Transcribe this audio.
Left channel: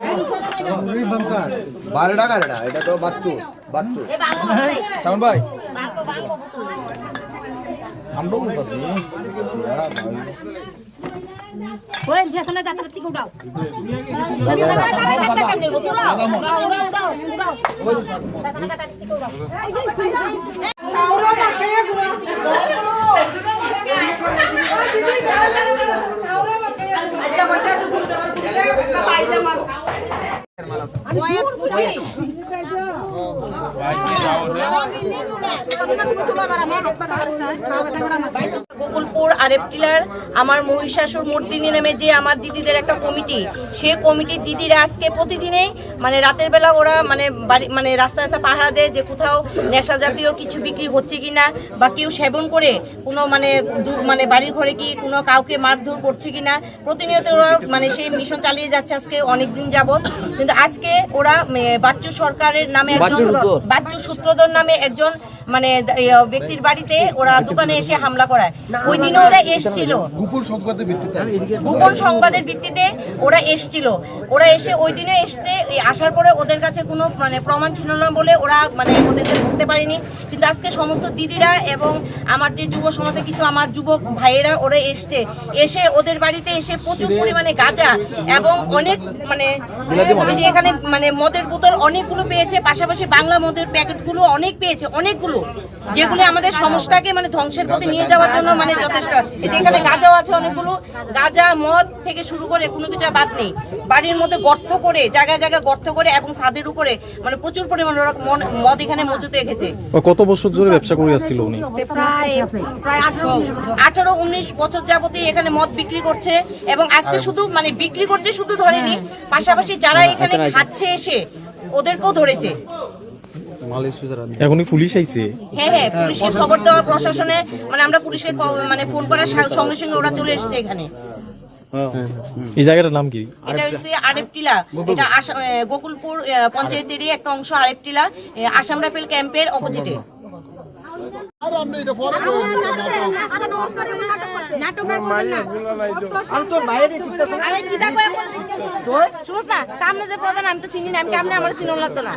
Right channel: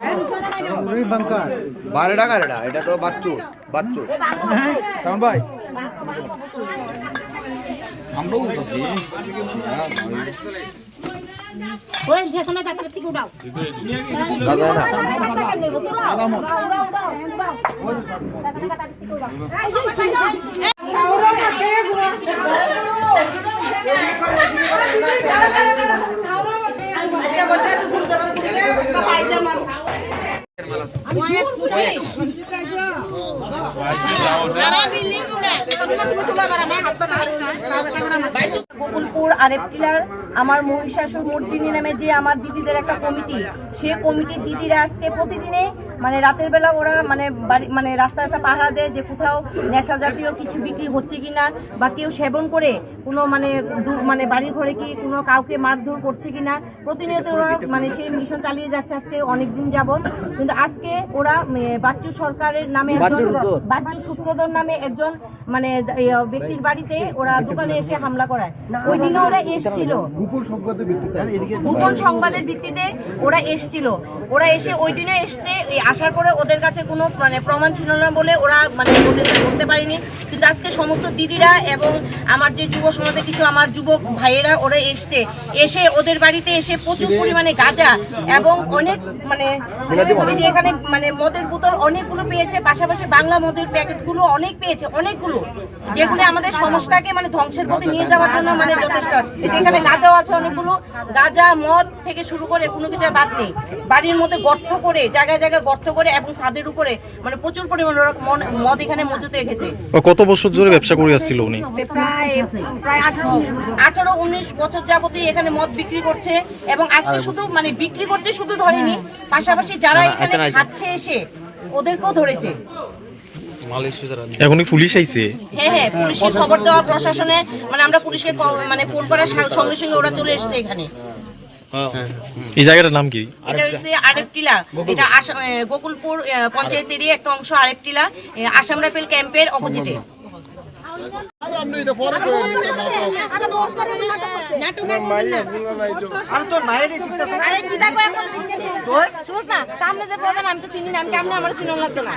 12 টাকা এটা তো বাচ্চু সাউন্ড ভাই আমরা বলতেছি ওই যেখানে গাটা থেকে উঠাও গোকুলপুর আরেপটিলার আমার মহিষাসুর মর্দিনী নামে যে আমার দিদিদের একটা কমিটি, সেই কমিটির দিদিরা আজকে প্রতিদিনে মানে রাতের বেলা ওরা মানে রাস্তা রাস্তা পাহারা দেয় যে কোথাও নেশা জাতীয় কিছু বিক্রি হচ্ছে কিনা বা কেউ সেবন করে কোনো মানে বাড়ির ঘরে কি কোনো কাউকে মারধর করছে কিনা প্রতিনিয়ত ওরা মানে সেই মিশন চালিয়ে যাচ্ছে আজকে অনেক দিন যাবত। কিন্তু আজকে ওরা বাচ্চু সরকারের নামে একজন বাচ্চু সূত্রধর নামে একজন মানে ব্যক্তির বাড়িতে ওরা দোকানে এসে হামলা করায়। ওই দিনও ওরা এসেছিল গোপন সংবাদের ভিত্তিতে ওরা এসেছিল। ওরা এসে ওই দিনে এসছে, আসার পরে ওদের কাছে কোনো মানে প্রমাণ ছিল না বলে ওরা মানে ওদেরকে ধরতে পারেনি। কিন্তু আজকে সমস্ত দিদিরা এবং আমার যে যুব সমাজে কিছু আমার যুবক ভাইয়েরা ওরা এসে ওদের বাড়িতে এসে প্রচুর পরিমাণে গাঁজা এবং অনেক মানে এখানে মানে মদের বোতল অনেকগুলো পেয়েছে, পাশাপাশি বাংলা মদের প্যাকেটগুলো অনেক পেয়েছে, অনেকগুলো, যেগুলো আমাদের সমাজটাকে মানে ধ্বংসের পথে নিয়ে যাওয়ার জন্য মানে যথেষ্ট। এখানে গাঁজাও আছে অনেকগুলো, গাঁজা মদ থেকে শুরু করে কোনো কিছু বাদ নেই। বাড়ির মধ্যে গর্ত করে জায়গায় জায়গায় গর্ত করে এবং ছাদের উপরে মানে প্রচুর পরিমাণ মদ এখানে মজুত রেখেছে। কত বছর ধরে ব্যবসা করে আসছিল উনি? প্রায় 18-19 বছর যাবতই এখানে মদ বিক্রি করছে এবং আজকে শুধু মানে বিক্রি করছে শুধু ধরেনি, পাশাপাশি যারা এখানে খাচ্ছে এসে ওদেরকেও ধরেছে। এখনই পুলিশ আইছে? হ্যাঁ, পুলিশের খবর দেওয়া প্রশাসনে মানে আমরা পুলিশকে মানে ফোন করার সঙ্গে সঙ্গে ওরা চলে এসেছে এখানে। এই জায়গাটার নাম কি? এটা হচ্ছে আরেপটিলা, এটা গোকুলপুর পঞ্চায়েতেরই একটা অংশ। আরেপটিলা আসাম রাইফেল ক্যাম্পের অপোজিটে। আমি তো চিনি না, আমি আমার চিনো লাগতো না।